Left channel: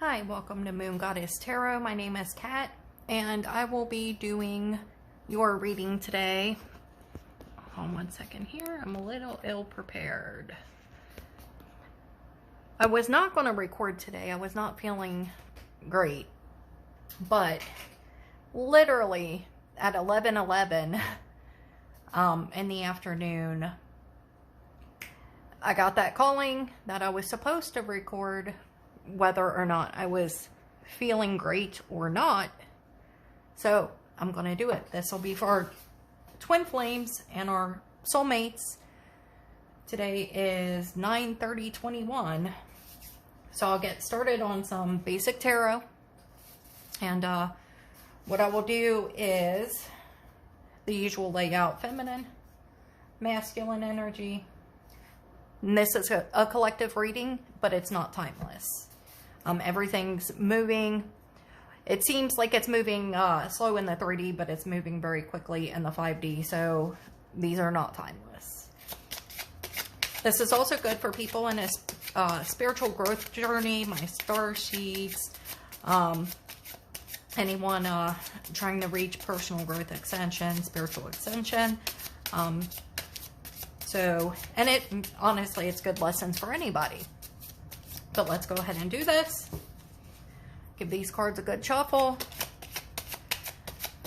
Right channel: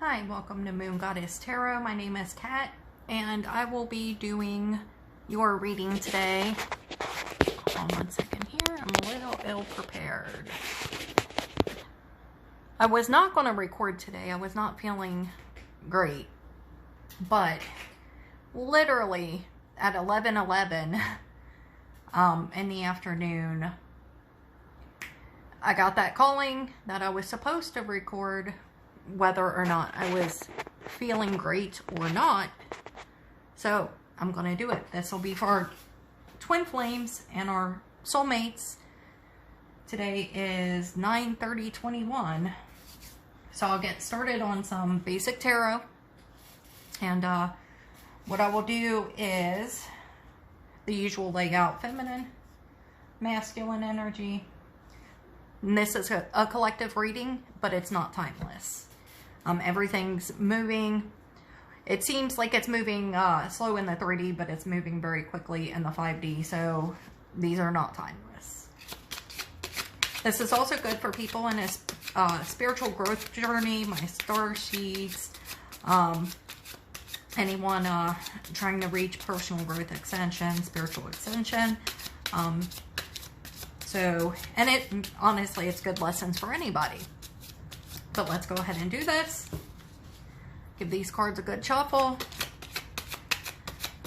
Hi, welcome to Moon Goddess Tarot. My name is Kat, and I will be doing your reading today. Hold on 1 second here. I'm a little ill prepared. I was not going to record today. I was not feeling great. But literally at 11:11 in the afternoon, I got that calling that I was supposed to record whether or not I was feeling great or not. So I'm going to do it. This will be for our twin flames and our soulmates. Today is 9/30/21. So I'll get started on some basic tarot. And what I will do is the usual layout: feminine, masculine energy. And this is a collective reading, but it's not timeless. Everything's moving. It seems like it's moving slow in the 3D, but it's moving very quickly in the 5D. So these are not timeless. This is also good for people in a spiritual growth journey, my star sheets, anyone trying to reach personal growth extension, spiritual extension. And honestly, it's good lessons for anybody. But let's go ahead and do this. Give these cards a good shuffle.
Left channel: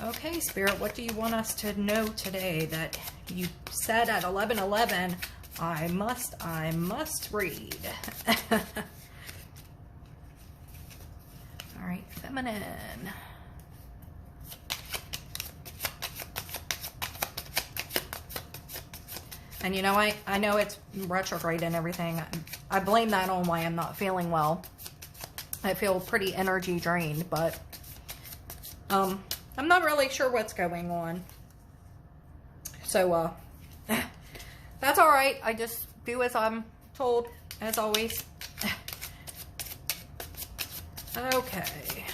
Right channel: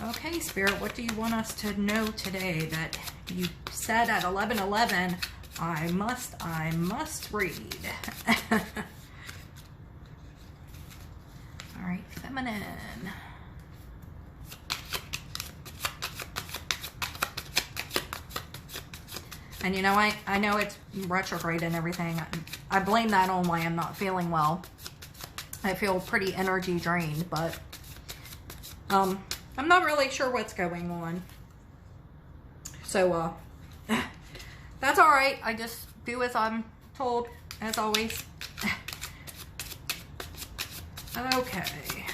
Okay, Spirit, what do you want us to know today that you said at 11:11, I must read? All right, feminine. And you know, I know it's retrograde and everything. I blame that on why I'm not feeling well. I feel pretty energy drained, but I'm not really sure what's going on. So that's all right. I just do as I'm told, as always. Okay.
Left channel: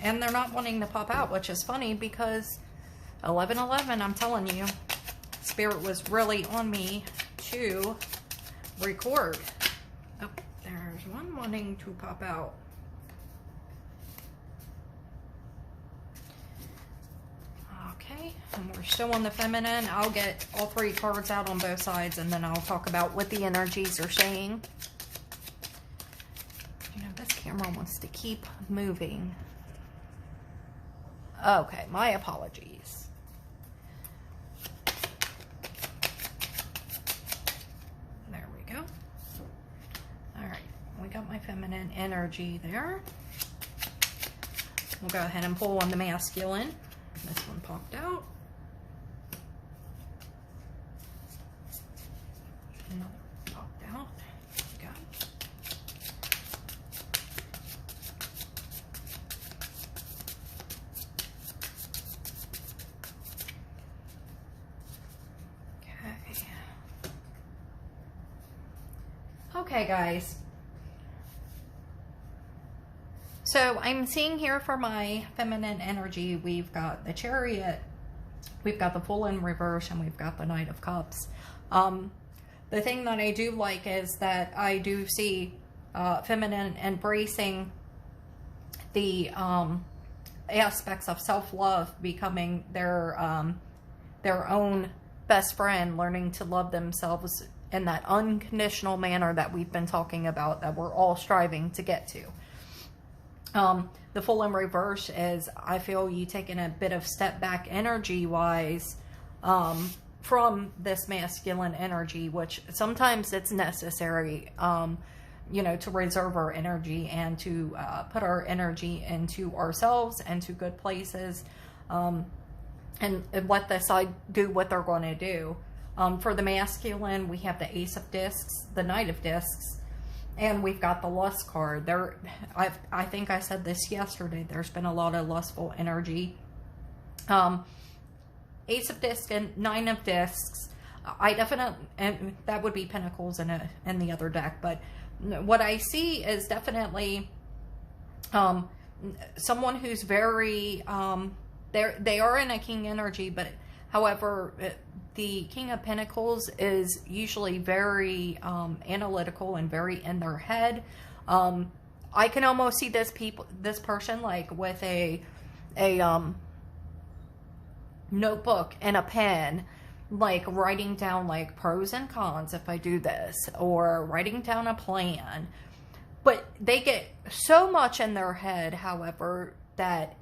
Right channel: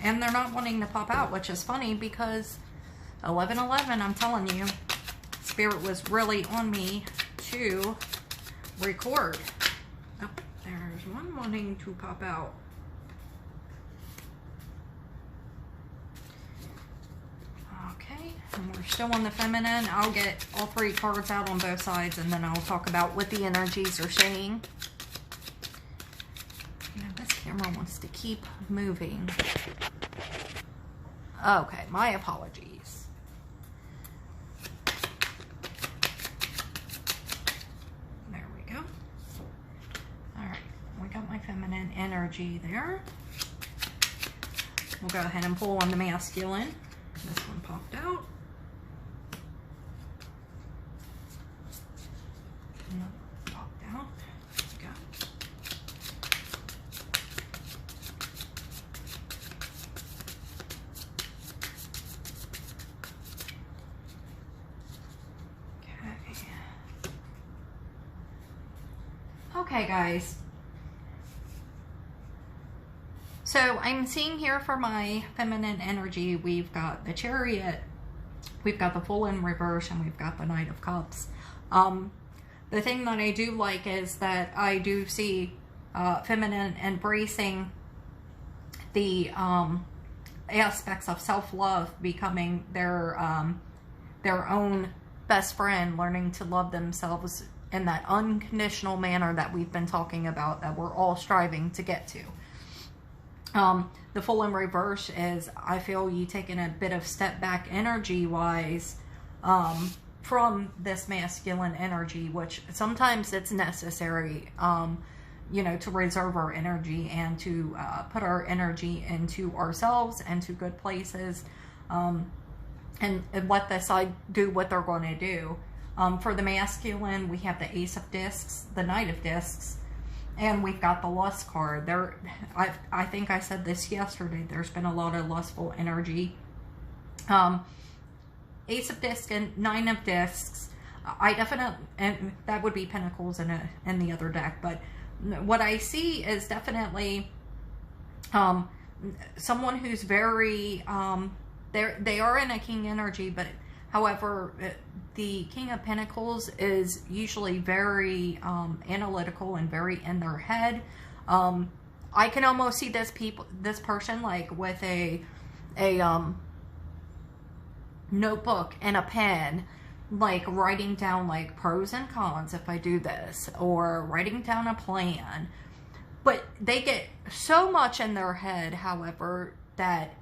And they're not wanting to pop out, which is funny because 11:11, I'm telling you, Spirit was really on me to record. Oh, there's one wanting to pop out. Okay, and we're still on the feminine. I'll get all three cards out on both sides, and then I'll talk about what the energies are saying. You know, this camera wants to keep moving. Okay, my apologies. My feminine energy there. We'll go ahead and pull on the masculine. This one popped out. Another popped out. Got it. Okay, guys. So I'm seeing here for my feminine energy, we've got the Chariot, we've got the Fool in reverse, and we've got the Knight of Cups. The thing that I do like is that I do see feminine embracing the aspects of self-love, becoming their own best friend, learning to love themselves in that unconditional manner that we've been talking about, that we're all striving to get to. The Fool in reverse is, I feel you taking a bit of step back energy wise from this masculine energy, which sometimes it's necessary, you know, to reserve our energy and to put our energy into ourselves and to good places, and let the side do what they're going to do. For the masculine, we have the Ace of Discs, the Knight of Discs, and we've got the Lust card. There, I think I said this yesterday, there's been a lot of lustful energy. Ace of Discs and Nine of Discs, I definitely, and that would be Pentacles in the other deck, but what I see is definitely someone who's very, they are in a King energy, but however, the King of Pentacles is usually very analytical and very in their head. I can almost see this person like with a notebook and a pen, like writing down like pros and cons if I do this, or writing down a plan. But they get so much in their head, however, that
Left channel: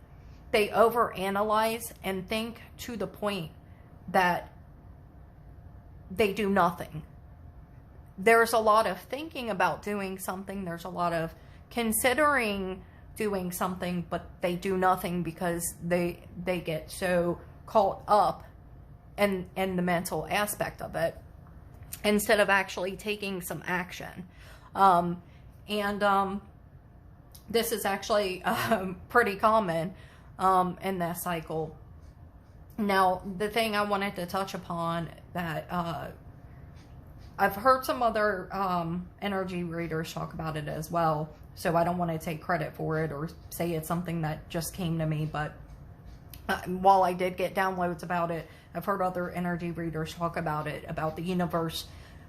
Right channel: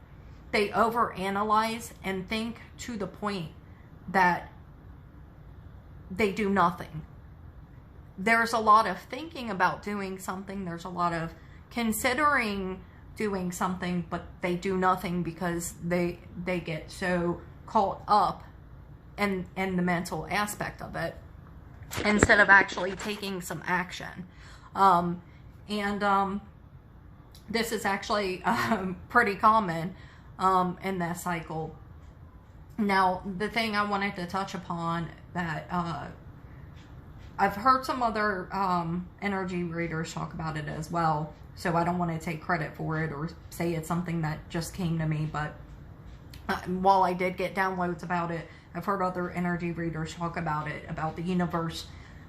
they overanalyze and think to the point that they do nothing. There's a lot of thinking about doing something. There's a lot of considering doing something, but they do nothing because they get so caught up in the mental aspect of it instead of actually taking some action. This is actually pretty common in that cycle. Now, the thing I wanted to touch upon that I've heard some other energy readers talk about it as well, so I don't want to take credit for it or say it's something that just came to me, but while I did get downloads about it, I've heard other energy readers talk about it, about the universe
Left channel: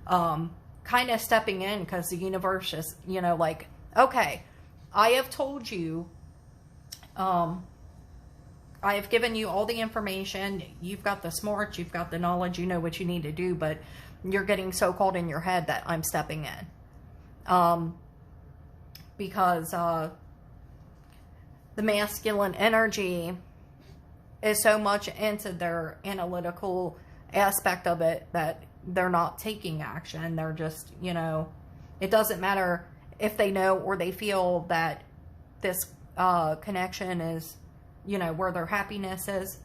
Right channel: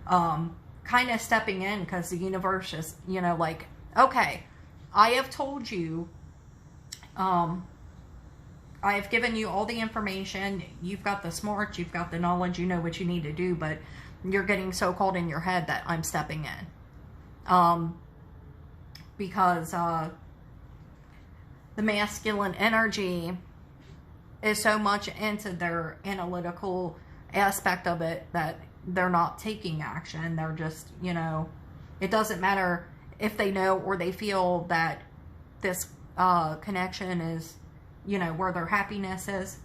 kind of stepping in, because the universe is, you know, like, okay, I have told you, I have given you all the information, you've got the smarts, you've got the knowledge, you know what you need to do, but you're getting so caught in your head that I'm stepping in. Because the masculine energy is so much into their analytical aspect of it that they're not taking action. They're just, you know, it doesn't matter if they know or they feel that this connection is, you know, where their happiness is.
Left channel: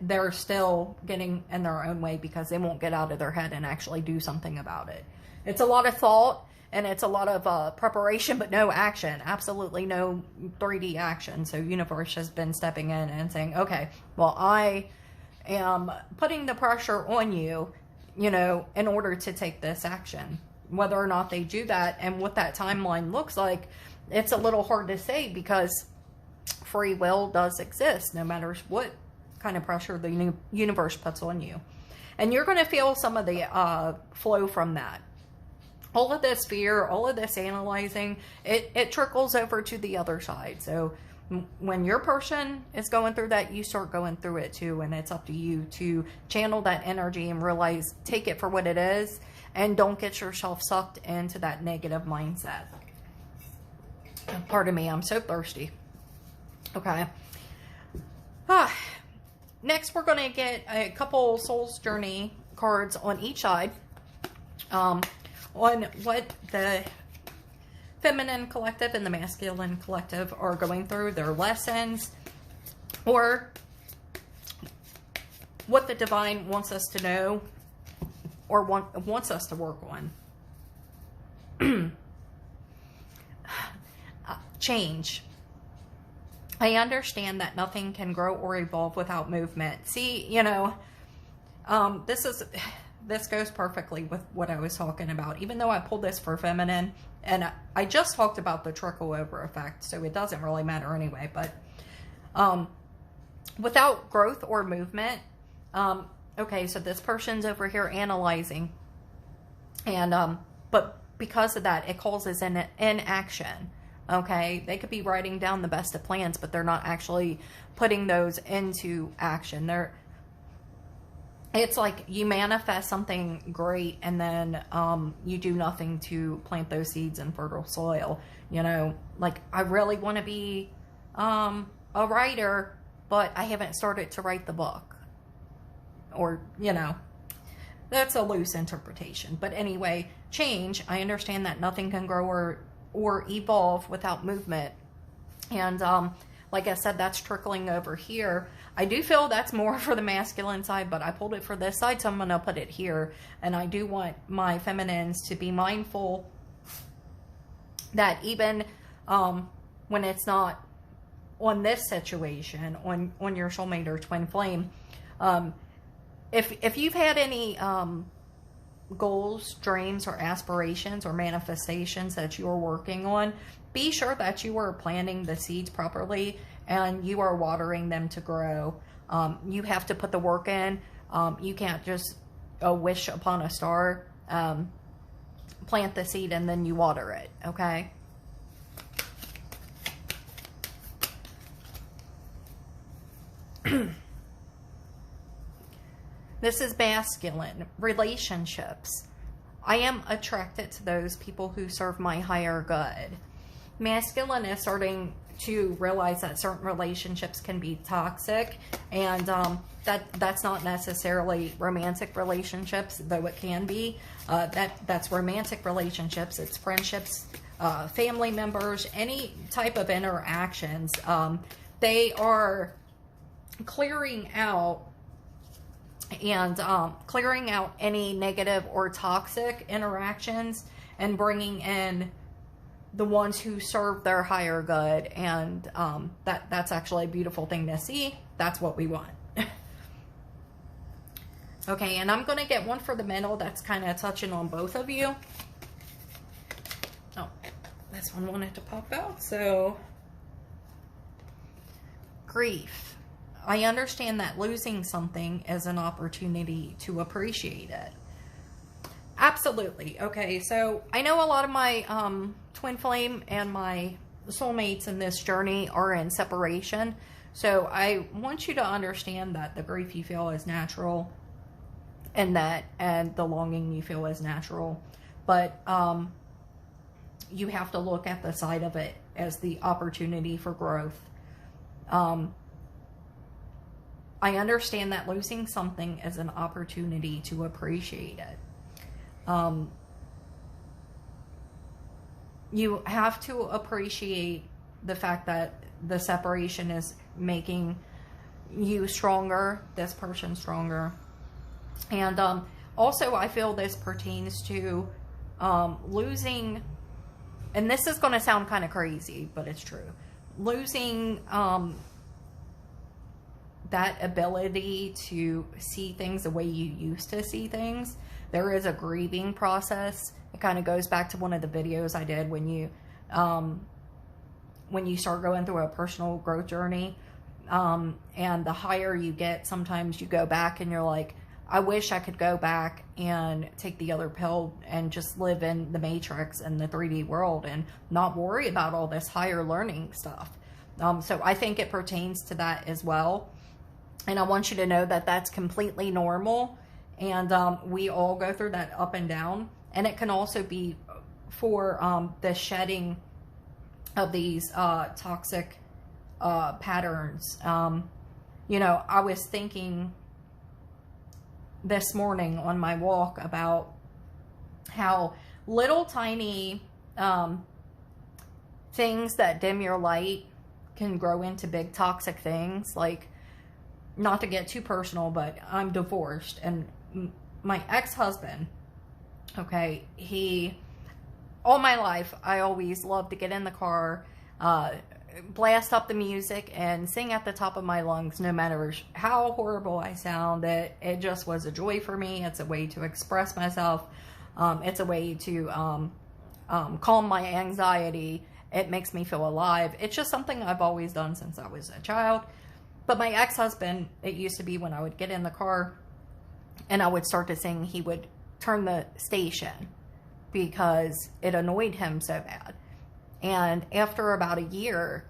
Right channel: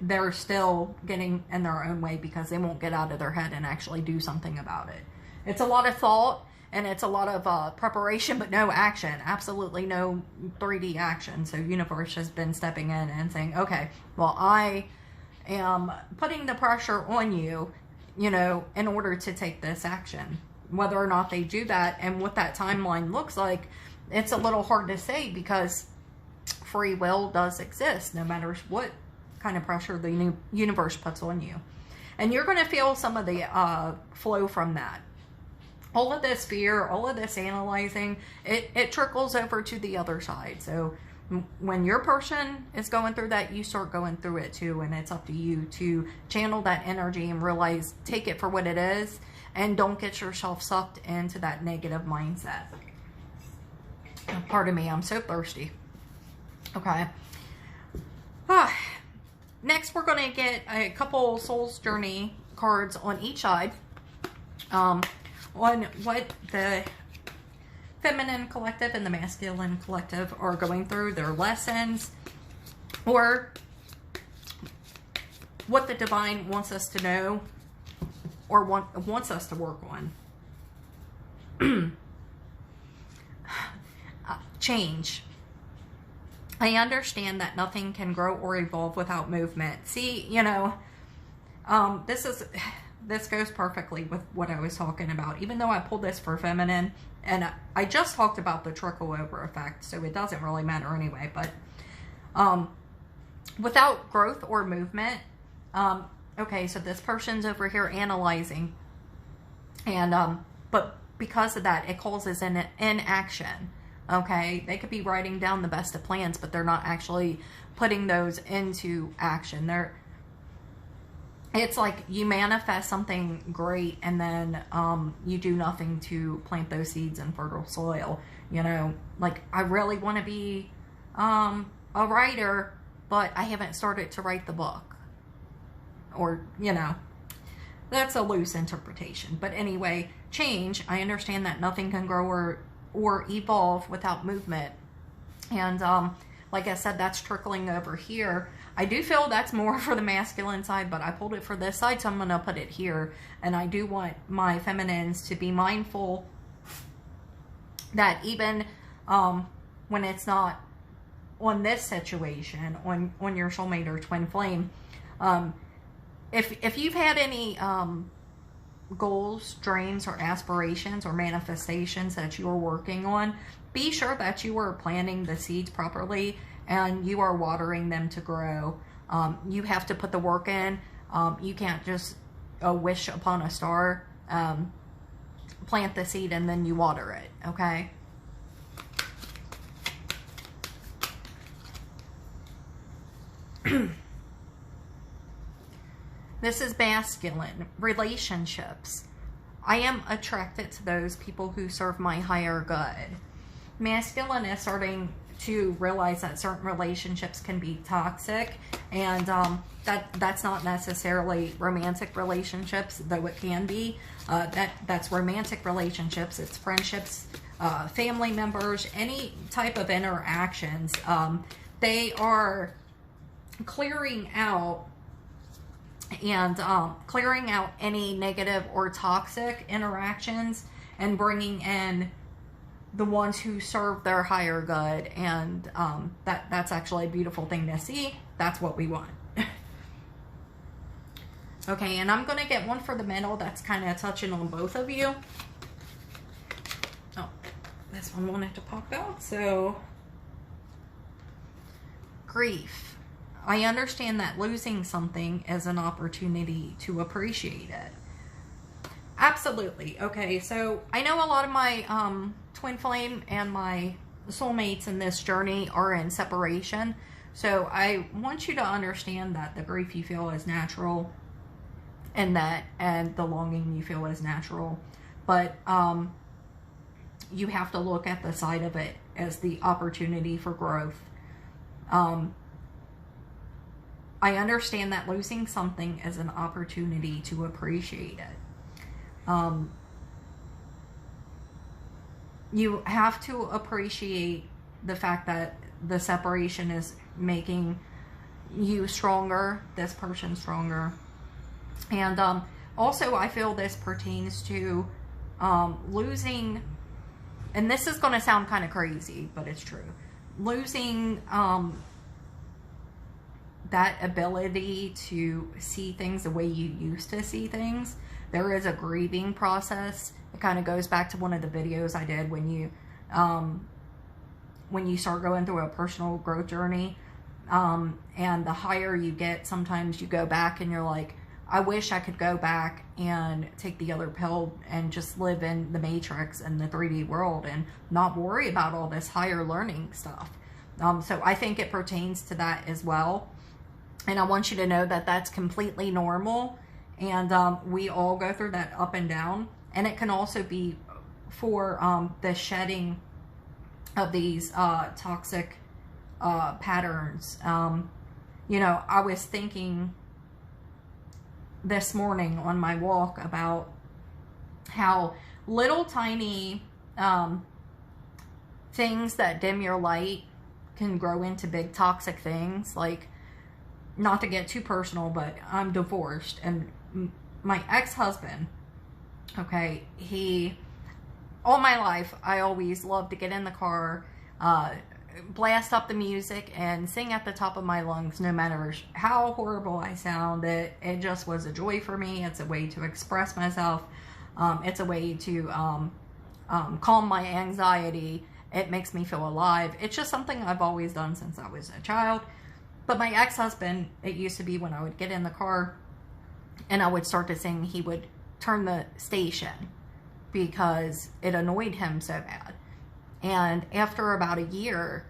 They're still getting in their own way because they won't get out of their head and actually do something about it. It's a lot of thought and it's a lot of preparation, but no action. Absolutely no 3D action. So universe has been stepping in and saying, okay, well, I am putting the pressure on you, you know, in order to take this action. Whether or not they do that and what that timeline looks like, it's a little hard to say, because free will does exist no matter what kind of pressure the universe puts on you. And you're going to feel some of the flow from that. All of this fear, all of this analyzing, it trickles over to the other side. So when your person is going through that, you start going through it too. And it's up to you to channel that energy and realize, take it for what it is, and don't get yourself sucked into that negative mindset. Pardon me, I'm so thirsty. Okay. Next, we're going to get a couple Soul's Journey cards on each side. On what the feminine collective and the masculine collective are going through, their lessons, or what the divine wants us to know or wants us to work on. Change. I understand that nothing can grow or evolve without movement. See, you know, this goes perfectly with what I was talking about. Even though I pulled this for feminine, and I just talked about the trickle over effect, so it doesn't really matter anyway. But without growth or movement, okay, so this person's over here analyzing, and but because of that, it causes an inaction. Okay, they could be writing down the best of plans, but they're not actually putting those into action. It's like you manifest something great, and then you do nothing to plant those seeds in fertile soil. You know, like, I really want to be a writer, but I haven't started to write the book. Or, you know, that's a loose interpretation. But anyway, change. I understand that nothing can grow or evolve without movement. And like I said, that's trickling over here. I do feel that's more for the masculine side, but I pulled it for this side, so I'm going to put it here. And I do want my feminines to be mindful that even when it's not on this situation, on your soulmate or twin flame, if you've had any goals, dreams, or aspirations or manifestations that you are working on, be sure that you are planting the seeds properly and you are watering them to grow. You have to put the work in. You can't just wish upon a star. Plant the seed and then you water it, okay? This is masculine. Relationships. I am attracted to those people who serve my higher good. Masculine is starting to realize that certain relationships can be toxic, and that's not necessarily romantic relationships, though it can be. That's romantic relationships. It's friendships, family members, any type of interactions. They are clearing out any negative or toxic interactions and bringing in the ones who serve their higher good, and that's actually a beautiful thing to see. That's what we want. Okay, and I'm going to get one for the middle that's kind of touching on both of you. Oh, this one wanted to pop out. So, grief. I understand that losing something is an opportunity to appreciate it. Absolutely. Okay, so I know a lot of my twin flame and my soulmates in this journey are in separation. So I want you to understand that the grief you feel is natural, and the longing you feel is natural. But you have to look at the side of it as the opportunity for growth. I understand that losing something is an opportunity to appreciate it. You have to appreciate the fact that the separation is making you stronger, this person stronger. And also I feel this pertains to losing, and this is going to sound kind of crazy, but it's true. Losing that ability to see things the way you used to see things. There is a grieving process. It kind of goes back to one of the videos I did when you start going through a personal growth journey. And the higher you get, sometimes you go back and you're like, I wish I could go back and take the other pill and just live in the matrix and the 3D world and not worry about all this higher learning stuff. So I think it pertains to that as well. And I want you to know that that's completely normal. And we all go through that up and down. And it can also be for the shedding of these toxic patterns. You know, I was thinking this morning on my walk about how little tiny things that dim your light can grow into big toxic things. Like, not to get too personal, but I'm divorced, and my ex-husband, okay, all my life, I always loved to get in the car, blast up the music, and sing at the top of my lungs, no matter how horrible I sound. It just was a joy for me. It's a way to express myself. It's a way to calm my anxiety. It makes me feel alive. It's just something I've always done since I was a child. But my ex-husband, it used to be when I would get in the car and I would start to sing, he would turn the station because it annoyed him so bad. And after about a year,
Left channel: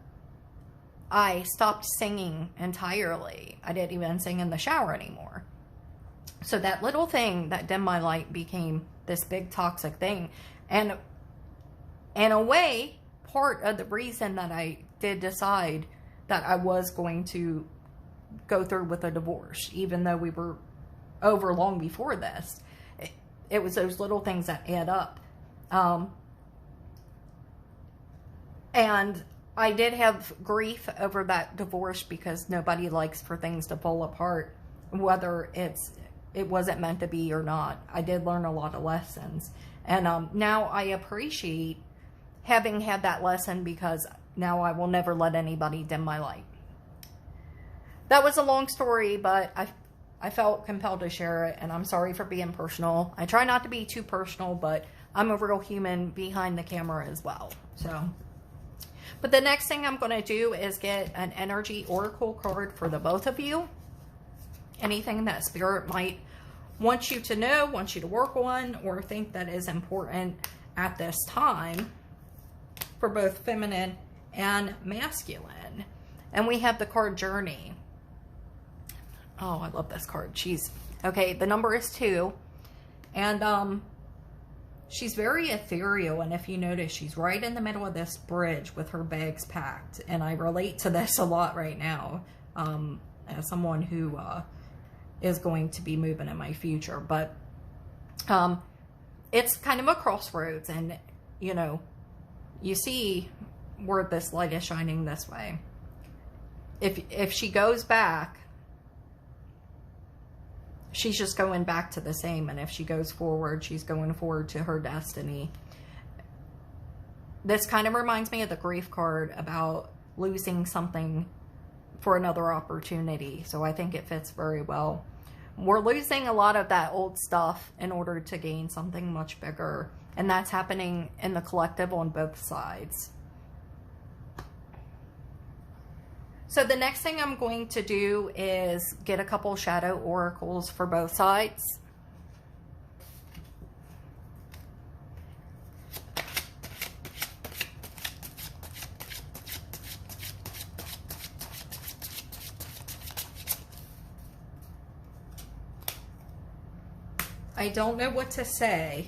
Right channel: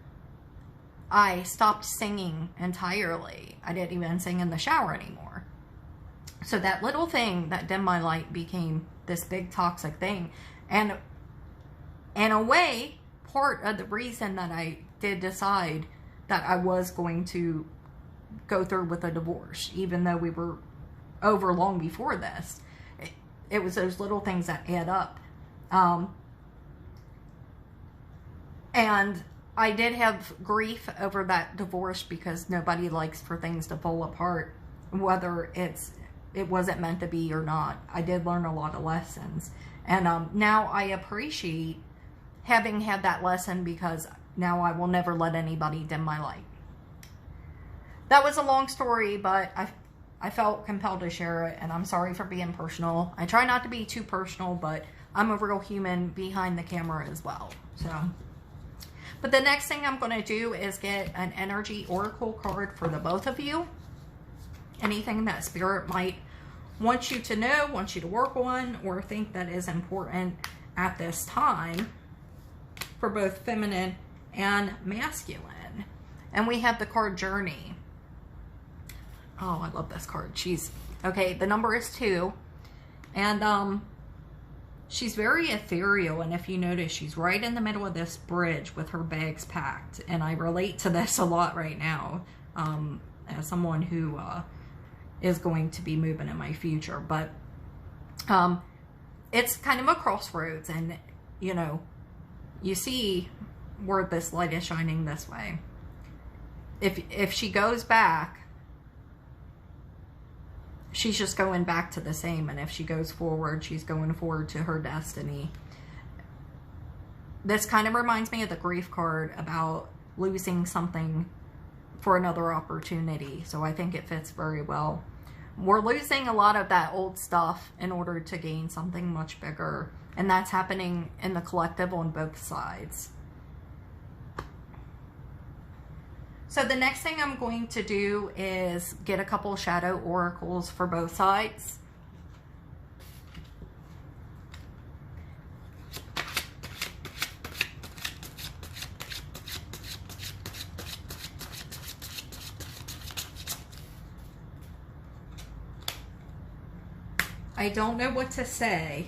I stopped singing entirely. I didn't even sing in the shower anymore. So that little thing that dimmed my light became this big toxic thing. And in a way, part of the reason that I did decide that I was going to go through with a divorce, even though we were over long before this, it was those little things that add up. And I did have grief over that divorce because nobody likes for things to fall apart, whether it wasn't meant to be or not. I did learn a lot of lessons. And now I appreciate having had that lesson, because now I will never let anybody dim my light. That was a long story, but I felt compelled to share it, and I'm sorry for being personal. I try not to be too personal, but I'm a real human behind the camera as well. So, but the next thing I'm going to do is get an energy oracle card for the both of you. Anything that Spirit might want you to know, want you to work on, or think that is important at this time for both feminine and masculine. And we have the card Journey. Oh, I love this card. She's, okay, the number is 2. And, she's very ethereal. And if you notice, she's right in the middle of this bridge with her bags packed. And I relate to this a lot right now, as someone who, is going to be moving in my future. But, it's kind of a crossroads. And, you know, you see where this light is shining this way. If she goes back, she's just going back to the same. And if she goes forward, she's going forward to her destiny. This kind of reminds me of the grief card about losing something for another opportunity. So I think it fits very well. We're losing a lot of that old stuff in order to gain something much bigger. And that's happening in the collective on both sides. So the next thing I'm going to do is get a couple shadow oracles for both sides. I don't know what to say.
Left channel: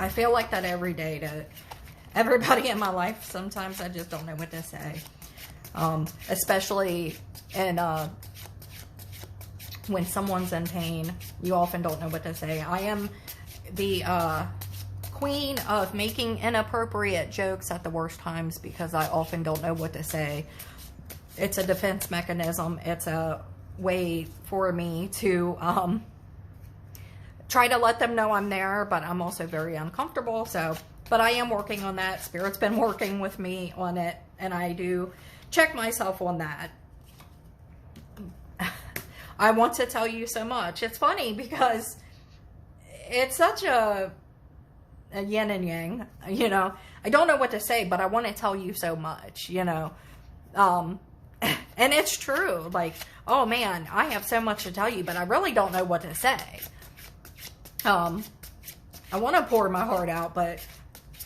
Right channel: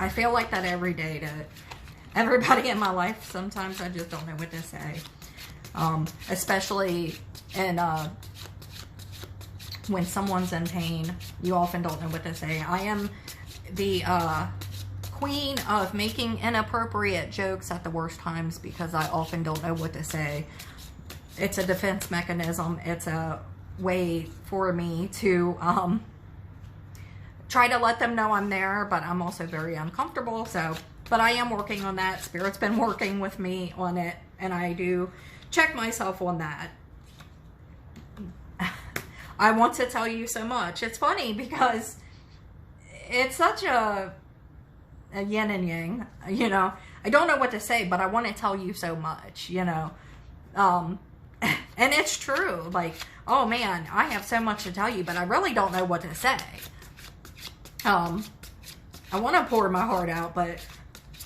I feel like that every day to everybody in my life. Sometimes I just don't know what to say. Especially in, when someone's in pain, you often don't know what to say. I am the queen of making inappropriate jokes at the worst times because I often don't know what to say. It's a defense mechanism. It's a way for me to try to let them know I'm there, but I'm also very uncomfortable. So, but I am working on that. Spirit's been working with me on it, and I do check myself on that. I want to tell you so much. It's funny because it's such a yin and yang, you know. I don't know what to say, but I want to tell you so much, you know. And it's true. Like, oh man, I have so much to tell you, but I really don't know what to say. I want to pour my heart out, but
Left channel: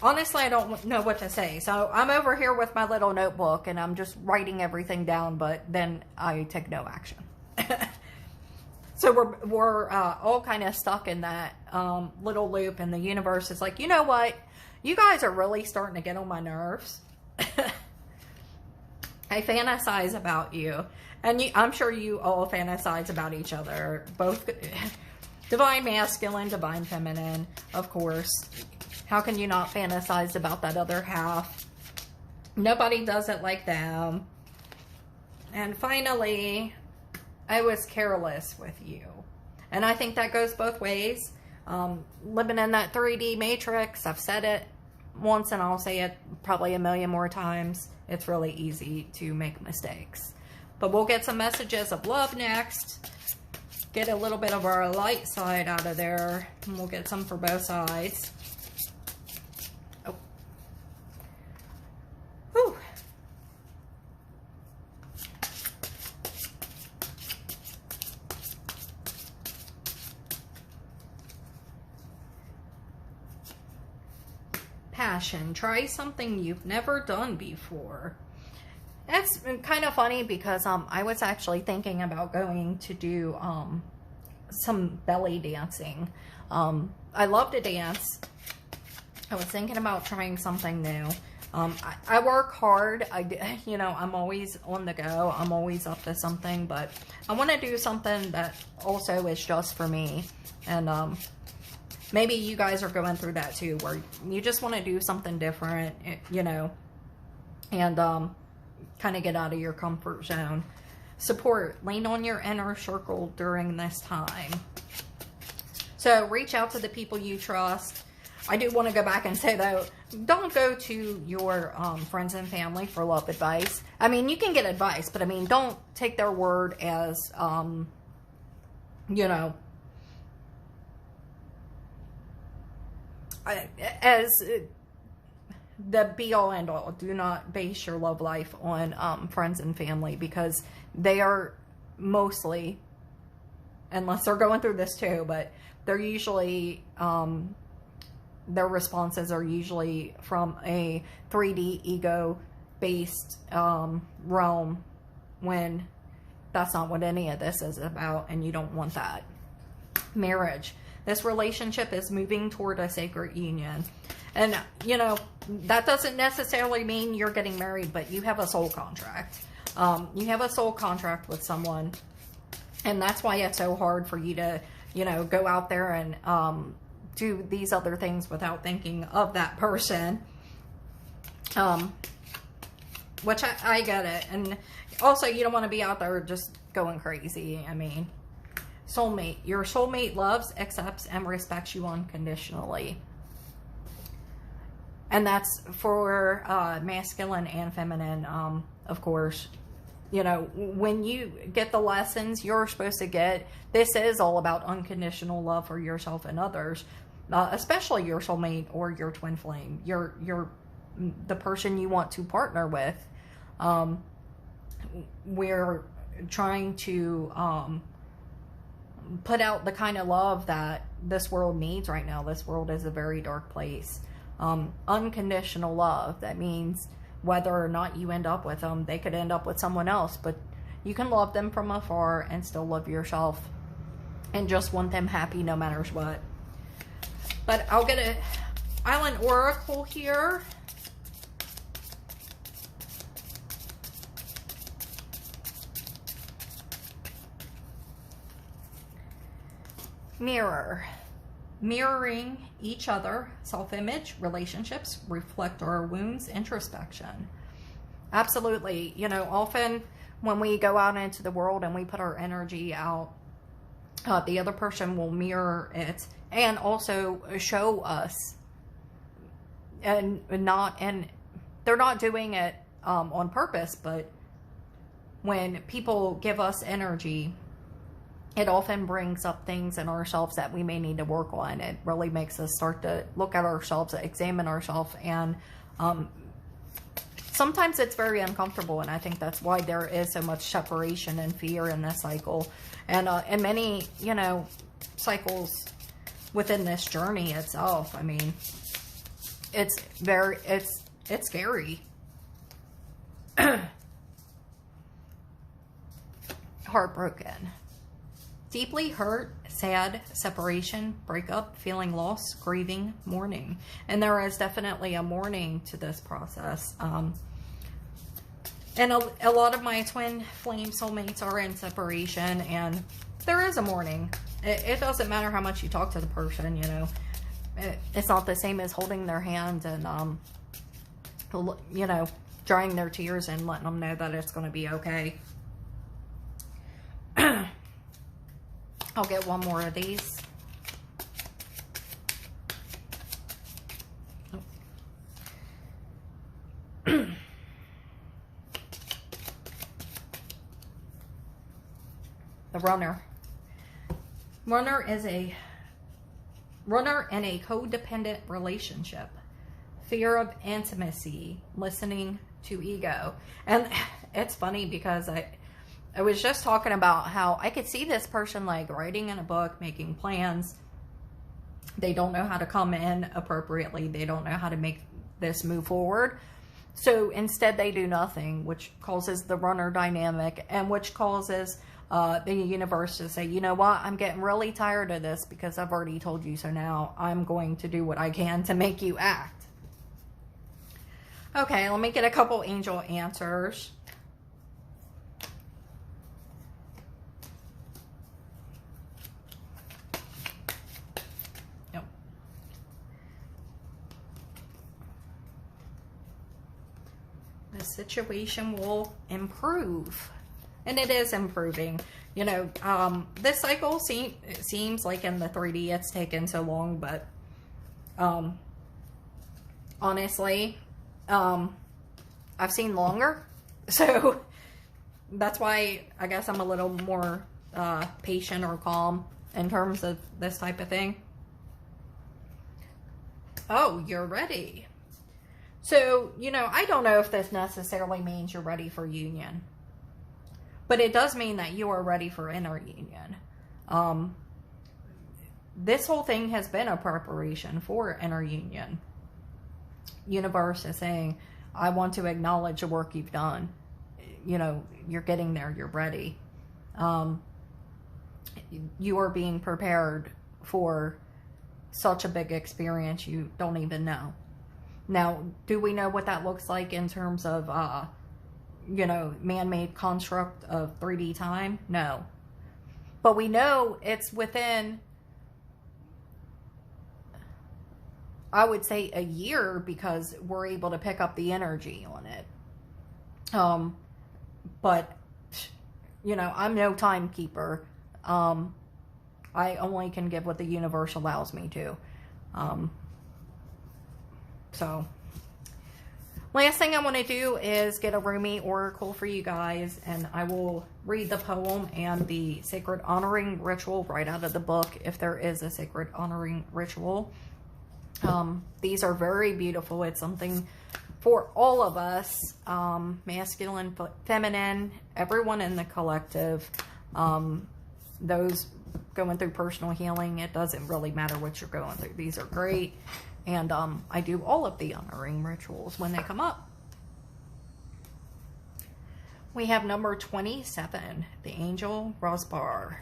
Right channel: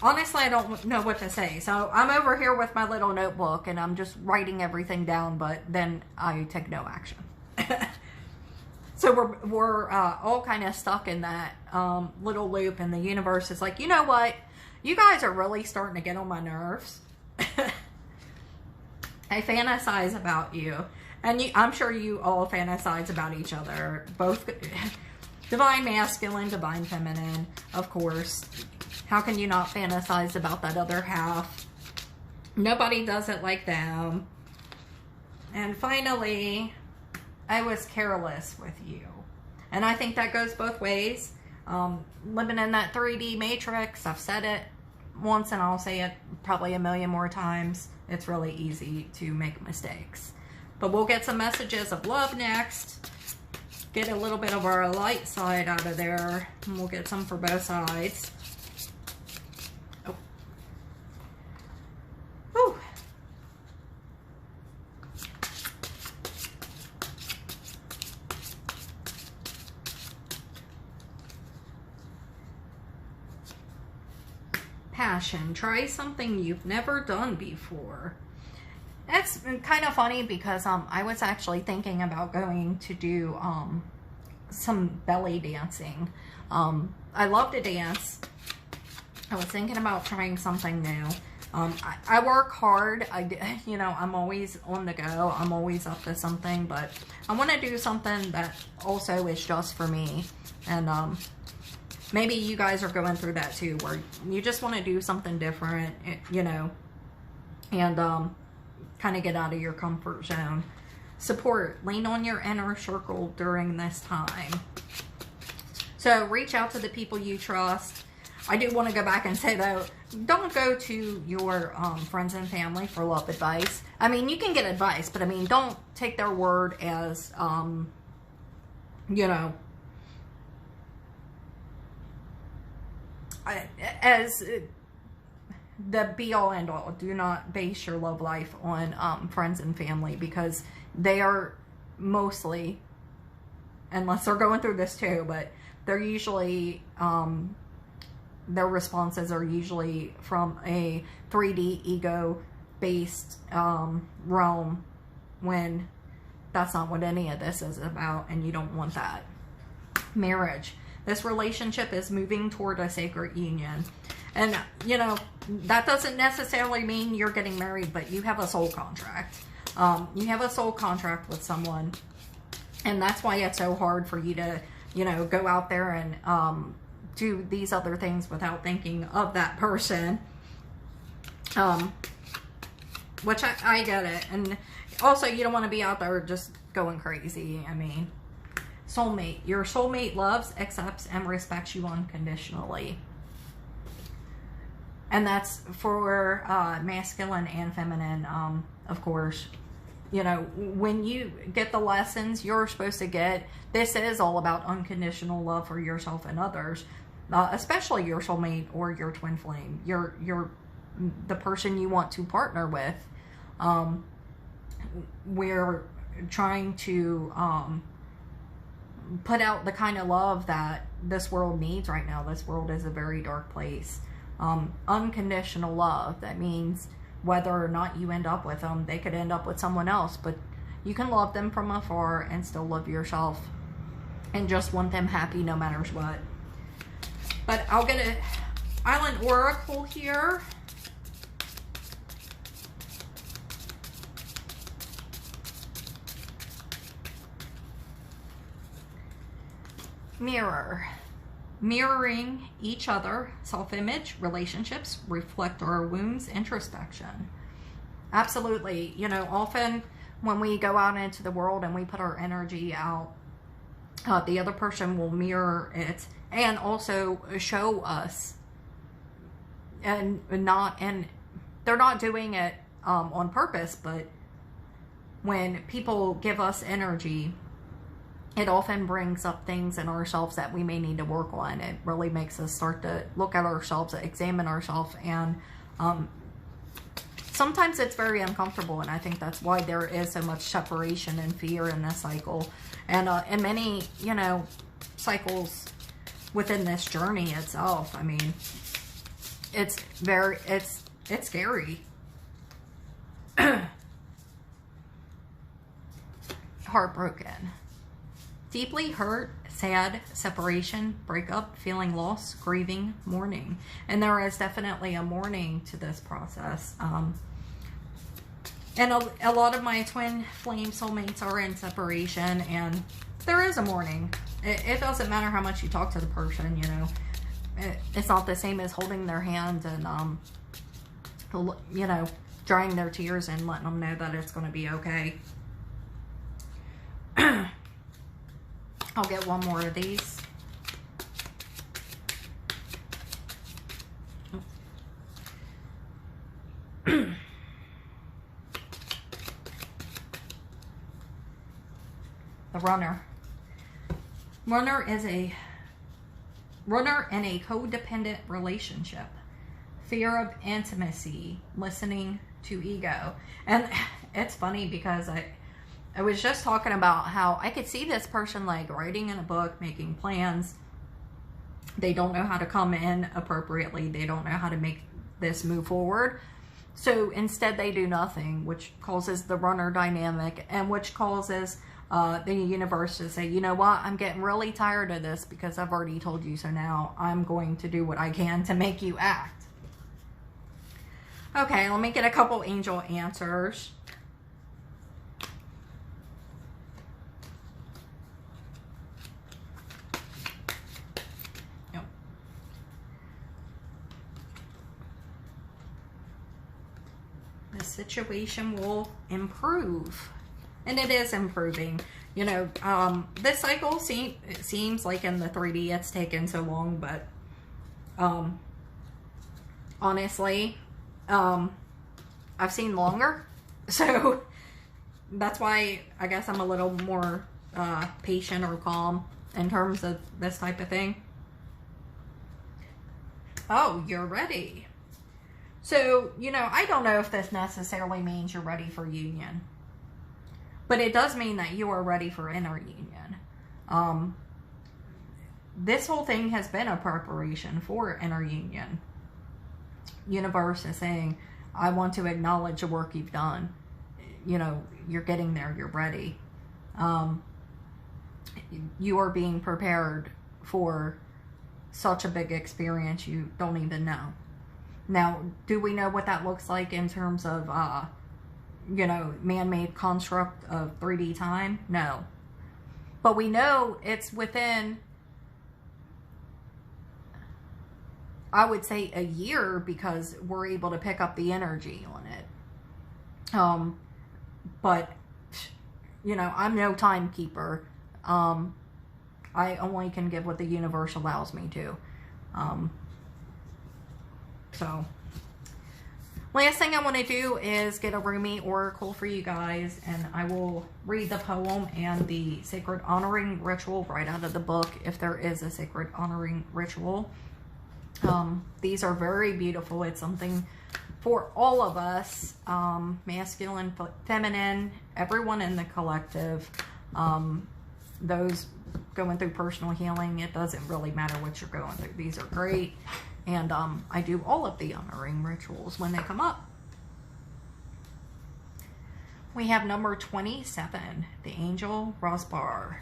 honestly, I don't know what to say. So I'm over here with my little notebook and I'm just writing everything down, but then I take no action. So we're all kind of stuck in that little loop, and the universe is like, you know what? You guys are really starting to get on my nerves. I fantasize about you. And I'm sure you all fantasize about each other. Both divine masculine, divine feminine, of course. How can you not fantasize about that other half? Nobody does it like them. And finally, I was careless with you. And I think that goes both ways. Living in that 3D matrix, I've said it once and I'll say it probably a million more times. It's really easy to make mistakes. But we'll get some messages of love next. Get a little bit of our light side out of there. And we'll get some for both sides. Oh. Whew. Passion. Try something you've never done before. It's kind of funny because I was actually thinking about going to do some belly dancing. I love to dance. I was thinking about trying something new. I work hard. You know, I'm always on the go. I'm always up to something, but I want to do something that also is just for me. And maybe you guys are going through that too, where you just want to do something different, you know, and kind of get out of your comfort zone. Support. Lean on your inner circle during this time. So reach out to the people you trust. I do want to go back and say, though, don't go to your friends and family for love advice. I mean, you can get advice, but I mean, don't take their word as, you know, as the be-all end-all. Do not base your love life on friends and family, because they are mostly, unless they're going through this too, but they're usually, their responses are usually from a 3D ego-based realm when that's not what any of this is about, and you don't want that. Marriage. This relationship is moving toward a sacred union. And, you know, that doesn't necessarily mean you're getting married, but you have a soul contract. You have a soul contract with someone. And that's why it's so hard for you to, you know, go out there and do these other things without thinking of that person. Which I get it. And also, you don't want to be out there just going crazy. I mean, soulmate. Your soulmate loves, accepts, and respects you unconditionally. And that's for masculine and feminine, of course. You know, when you get the lessons you're supposed to get, this is all about unconditional love for yourself and others, especially your soulmate or your twin flame, the person you want to partner with. We're trying to put out the kind of love that this world needs right now. This world is a very dark place. Unconditional love. That means whether or not you end up with them, they could end up with someone else, but you can love them from afar and still love yourself and just want them happy no matter what. But I'll get an Island Oracle here. Mirror. Mirroring each other, self-image, relationships, reflect our wounds, introspection. Absolutely. You know, often when we go out into the world and we put our energy out, the other person will mirror it and also show us. And they're not doing it on purpose, but when people give us energy, it often brings up things in ourselves that we may need to work on. It really makes us start to look at ourselves, examine ourselves, and sometimes it's very uncomfortable, and I think that's why there is so much separation and fear in this cycle. And many, you know, cycles within this journey itself. I mean, it's scary. Heartbroken. Deeply hurt, sad, separation, breakup, feeling lost, grieving, mourning. And there is definitely a mourning to this process. And a lot of my twin flame soulmates are in separation, and there is a mourning. It doesn't matter how much you talk to the person, you know. It's not the same as holding their hand and, you know, drying their tears and letting them know that it's going to be okay. I'll get one more of these. The runner. Runner is a runner in a codependent relationship. Fear of intimacy, listening to ego. And it's funny because I was just talking about how I could see this person like writing in a book, making plans. They don't know how to come in appropriately. They don't know how to make this move forward. So instead they do nothing, which causes the runner dynamic, and which causes the universe to say, you know what, I'm getting really tired of this because I've already told you so. Now I'm going to do what I can to make you act. Okay, let me get a couple angel answers. The situation will improve, and it is improving. You know, this cycle seems like in the 3D it's taken so long, but honestly, I've seen longer, so that's why I guess I'm a little more patient or calm in terms of this type of thing. Oh, you're ready. So, you know, I don't know if this necessarily means you're ready for union, but it does mean that you are ready for inner union. This whole thing has been a preparation for inner union. Universe is saying, I want to acknowledge the work you've done. you know, you're getting there, you're ready. You are being prepared for such a big experience you don't even know. Now, do we know what that looks like in terms of, you know, man-made construct of 3D time? No. But we know it's within, I would say, a year, because we're able to pick up the energy on it. But, you know, I'm no timekeeper. I only can give what the universe allows me to. So, last thing I want to do is get a Rumi oracle for you guys, and I will read the poem and the sacred honoring ritual right out of the book, if there is a sacred honoring ritual. These are very beautiful. It's something for all of us, masculine, feminine, everyone in the collective, those going through personal healing. It doesn't really matter what you're going through. These are great. And I do all of the honoring rituals when they come up. We have number 27, the Angel Rosbar.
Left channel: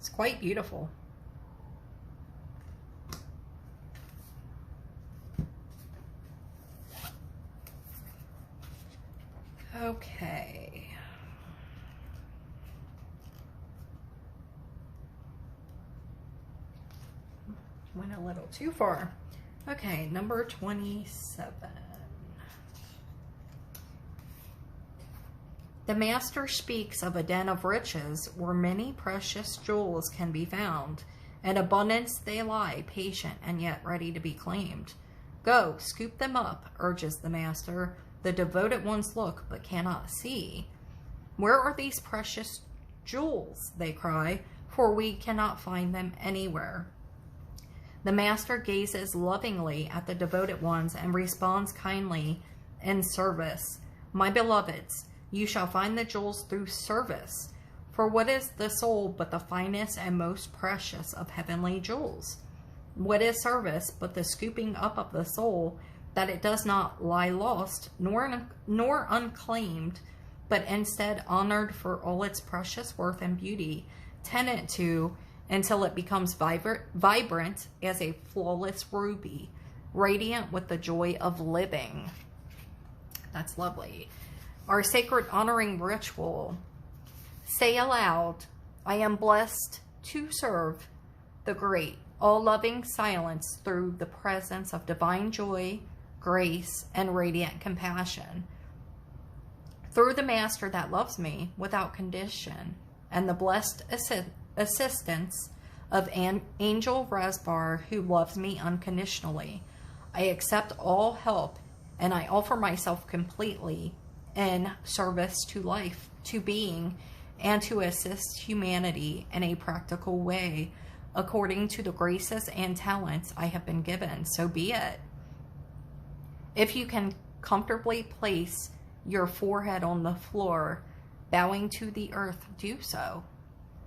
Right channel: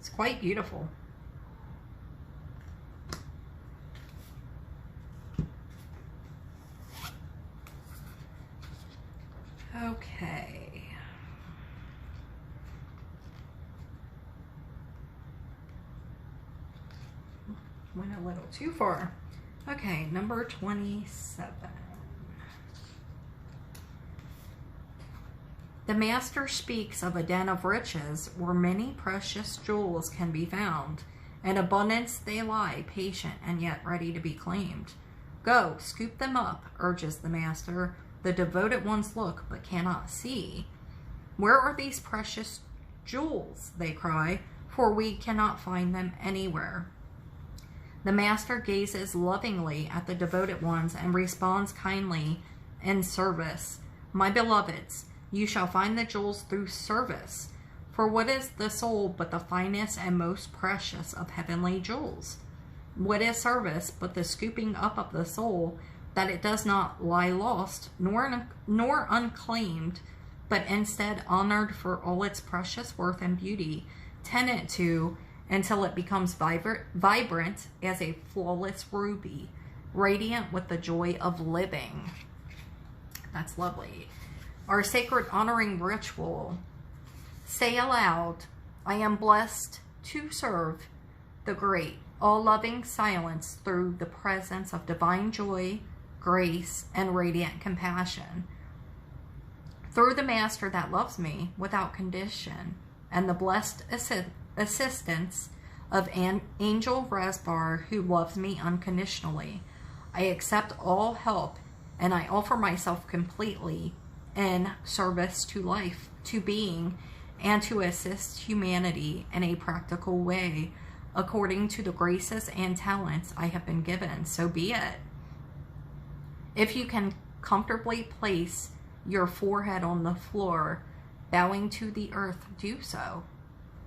It's quite beautiful. Okay. Went a little too far. Okay, number 27. The Master speaks of a den of riches where many precious jewels can be found. In abundance they lie, patient and yet ready to be claimed. Go, scoop them up, urges the Master. The devoted ones look but cannot see. Where are these precious jewels, they cry, for we cannot find them anywhere. The Master gazes lovingly at the devoted ones and responds kindly in service. My beloveds, you shall find the jewels through service. For what is the soul but the finest and most precious of heavenly jewels? What is service but the scooping up of the soul, that it does not lie lost nor unclaimed, but instead honored for all its precious worth and beauty, tended to until it becomes vibrant as a flawless ruby, radiant with the joy of living. That's lovely. Our sacred honoring ritual. Say aloud, I am blessed to serve the great, all-loving silence through the presence of divine joy, grace, and radiant compassion. Through the Master that loves me without condition, and the blessed assistance of an Angel Rasbar who loves me unconditionally, I accept all help, and I offer myself completely in service to life, to being, and to assist humanity in a practical way, according to the graces and talents I have been given. So be it. If you can comfortably place your forehead on the floor, bowing to the earth, do so.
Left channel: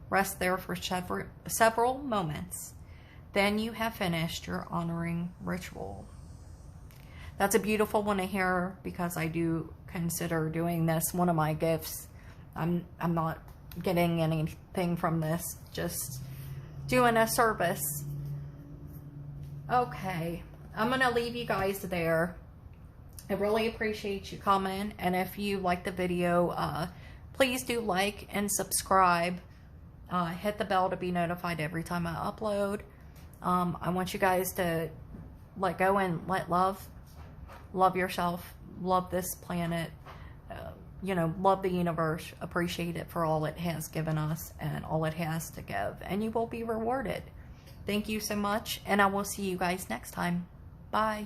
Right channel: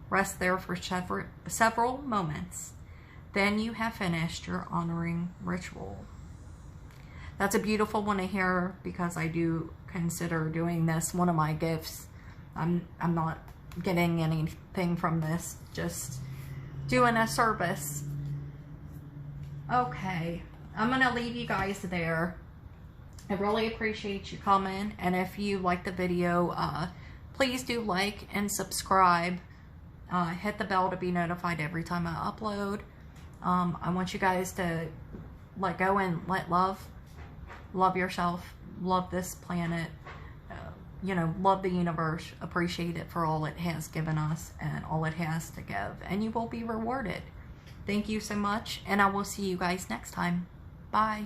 Rest there for several moments. Then you have finished your honoring ritual. That's a beautiful one to hear, because I do consider doing this one of my gifts. I'm not getting anything from this, just doing a service. Okay, I'm going to leave you guys there. I really appreciate you coming, and if you like the video, please do like and subscribe. Hit the bell to be notified every time I upload. I want you guys to let go and let love yourself, love this planet, you know, love the universe, appreciate it for all it has given us and all it has to give, and you will be rewarded. Thank you so much, and I will see you guys next time. Bye.